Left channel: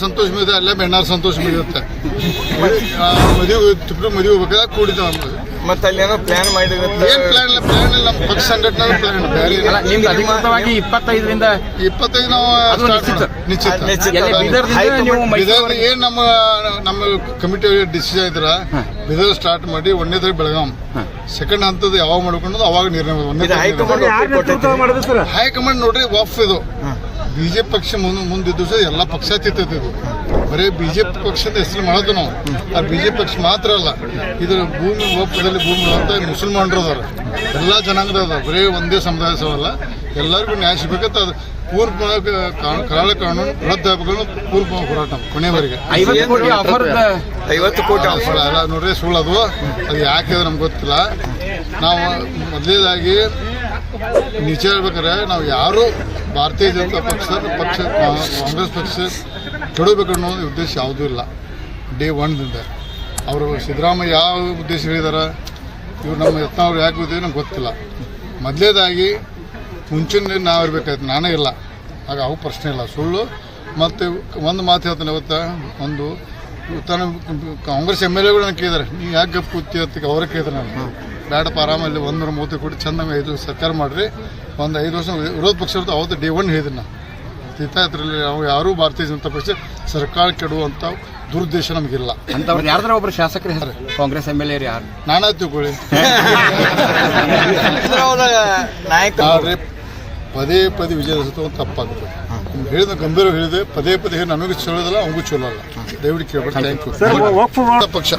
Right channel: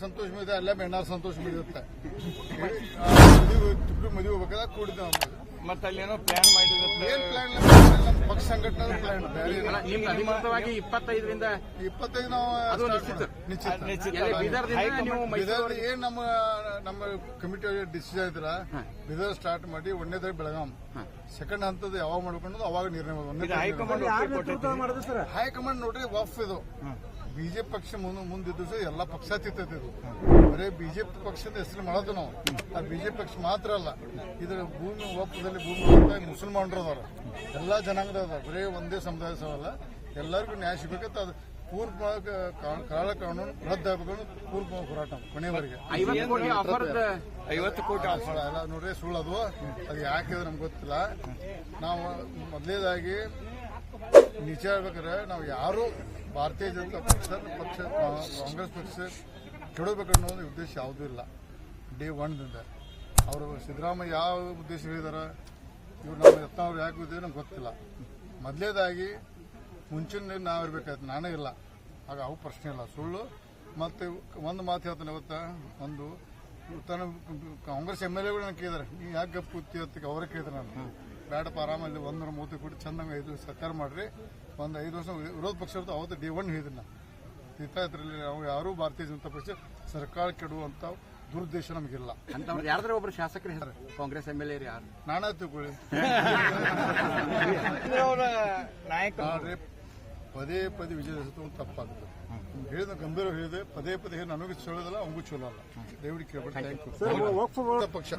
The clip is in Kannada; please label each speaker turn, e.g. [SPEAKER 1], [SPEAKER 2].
[SPEAKER 1] ಸಂತೋಷ ಇದೆ ಅಲ್ಲೇ ಬೆಣ್ಣಾರ ಸಂತೋಷ ಇರುತ್ತೆ ಮದುವೆ ತಿಬ್ರು ಮದುವೆ ಹೋಗ್ಬೇಕಾದ್ರೆ ಕೂಡಿದ
[SPEAKER 2] ಮತ್ತೆ ಅಲ್ಲಿ ಏನೋ ಪ್ಲಾನ್ ಮಾಡಿದ್ರೆ
[SPEAKER 1] ಏನ್ ಪ್ಲಾನ್ ಇಲ್ಲ ಪ್ಲಾನ್ ಇಲ್ಲ ನಮ್ಮ ಪಕ್ಷ ಸಂಘಟನೆ ಪ್ಲಾನ್
[SPEAKER 3] ನಿಮ್ದು ಅಧಿಕೃತವಾಗಿ ಇಪ್ಪತ್ತೈದರಿಂದ
[SPEAKER 1] ಇಪ್ಪತ್ತೈದು ನಾವು
[SPEAKER 3] ನಿಶ್ಚಿತ.
[SPEAKER 1] ಮಾಡೋದು. ನಿಶ್ಚಿತ. ಏನ್ ನಮ್ಮ ನಮ್ಮ ಕಮಿಟಿ ಡಿಸಿಷನ್ ಇದ್ರ ಬಿದರ್ ಸ್ಟಾರ್ಟ್ ಮಾಡಿ ಒಂದನೇ ತಾರೀಕು ಬೆಳಗಾಂ. ಸೆಕೆಂಡ್ ಹಂತದ ಯಾವಾಗ ಮಾಡ್ಕೊಂಡು ಅವಾಗ ನಿರ್ಣಯ ಮಾಡೋದು.
[SPEAKER 2] ಹೈಕಮಾಂಡ್
[SPEAKER 1] ನೋಡ್ರಿ ವಫ್ ಇದು. ಬಿಜೆಪಿ ಪಕ್ಷ ಮುಂದೆ ಮುಂದಿದ್ದು ಸಹ ಎಲ್ಲ ಪಕ್ಷಾತೀತ ಇದು. ಬರೀ ಬಿಜೆಪಿ ಪಕ್ಷದ ಹೆಸರು ಮಾಡೋದು ನಾವು. ಆ ಬಿಜೆಪಿ ಪಕ್ಷ ಮಾತ್ರ ಅಲ್ಲ ಇದ್ರ ಭೂಮಿ ಒಪ್ಪದಲ್ಲಿ ಭೂಮಿ ಅಂತ ಮುಸಲ್ಮಾನರು ಅದಾರ. ಎಲ್ಲ ಜನಾಂಗದ ಅದಾರ. ಬರೀ ಒಂದೇ ಸಮುದಾಯ ಸವಲ್ಲ ಎಲ್ಲರಿಗೂ ನ್ಯಾಯ ಸಿಗ್ಬೇಕಂತ ಅದು ಪೂರ್ವ ಕರಾಳ ಕಾನೂನು ರದ್ದಾಗಬೇಕು ಪೂರ್ವ ಹೋರಾಟ ಕೊನೆವರೆಗೆ
[SPEAKER 3] ಐವತ್ತು ಕೋಟಿ ಆಫರ್
[SPEAKER 2] ಐವತ್ತು ಕೋಟಿ
[SPEAKER 1] ಅದು ಸುಳ್ಳು ಅಲ್ಲ ನೋಡ್ರಿ ಸುಳ್ಳದು ಅದು. ಅದು ಯಾಕೆ ಅದು ನಮ್ಗೆ ಗೊತ್ತಿಲ್ಲ. ನಾವು ಮೊದಲೇದಾಗಿ ನಿಜ ಹೇಳ್ಬೇಕಾದ್ರೆ ನಾವು ಯಾರು ಭಾರತೀಯ ಜನತಾ ಪಕ್ಷ ಪಕ್ಷ ಕಾಂಗ್ರೆಸ್ ಪಕ್ಷ ಕೆಡಬೇಕನ್ನೋ ಉದ್ದೇಶ ಯಾವುದೂ ಇಲ್ಲ. ಡೇ ಒನ್ದಿಂದ ಅವರು ಸಿದ್ದರಾಮಯ್ಯ ಯಾವ ಉದ್ದೇಶ ಹೇಳಿದಾರೆ? ಇವ್ರು ನಮ್ಮ ಯತ್ನವ್ರು ಯಾಕೆ ಇದ್ದೀವಿ ನಮ್ಗೆ ಗೊತ್ತಿಲ್ಲ. ಮೊದಲೇದಾಗಿ ಮುಂಚಿನ ನಾವು ಇರಬೇಕಾಯ್ತು. ನಾನೇ ಇಲ್ಲ. ಆಗ ಅವು ಪ್ರಶ್ನೆ ಇಲ್ಲ. ಸುಳ್ಳು ಮತ್ತು ಒಂದು ಮಾತು ಹೇಳ್ತಾನೆ ಇವತ್ತು ಒಂದು ತಾನು ಕಾಂಗ್ರೆಸ್ ಎಂ ಎಲ್ ಎಗಳು ನಾನು ಕೇಳಿದಾರೆ. ನೀವು ಯಾಕೆ ಗಪ್ ಕೂತಿ ಅಂತ ಅವರೇ ಕೇಳಿದ್ರೆ. ನಾನು ಬೇಡಪ್ಪ ಆರಾಮಲ್ಲಿ ಒಂದೂರ ಮೂವತ್ತು ಕೋಟಿ ಚಂದಂಗೆ ಐದು ವರ್ಷ ಸರ್ಕಾರ ಮಾಡಿರಿ. ಒಂದು ಐದು ವರ್ಷ ವಿರೋಧ ಪಕ್ಷ ಇರುತ್ತೆ ಅವತ್ತು ಡೇ ಒನ್ ಹೇಳಿದ್ರು ನಾನು. ಇದ್ರಲ್ಲಿ ನಾವು ಯಾರೂ ಭಾರತೀಯ ಜನತಾ ಪಕ್ಷ ಸರ್ಕಾರ ಕೆಡುವಂಥ ದುರುದ್ದೇಶ ನಮಗಿಲ್ಲ.
[SPEAKER 3] ಅಂತವ್ರು ಯಾರ್ದಾರ ಒಬ್ರು ಶಾಸಕರು ಯಾರು ಕಾಂಗ್ರೆಸ್ ಎಂ ಎಲ್ ಎ ಯಾರು?
[SPEAKER 1] ನಾನಾ ತಿಳ್ಕೊಳ್ಳಿ.
[SPEAKER 2] ನಾಯಕ
[SPEAKER 1] ಆದರೆ ಪದೇ ಪದೇ ವಿಜಯ ಒಂದು ತಪ್ಪಾಗುತ್ತೆ ನಿಮ್ಗೆ ಹೇಳಿದ ಗಂಭೀರ ಹೇಳಿದೆ ಪದೇ ಪದೇ ನನಗೂ ಚಲೋದಲ್ಲ ಅವಂಗೂ ಚಲೋ ಅಲ್ಲ. ದಯವಿಟ್ಟು ಕೇಳ್ಬೇಕು ಥ್ಯಾಂಕ್ ಯು ಪಕ್ಷ.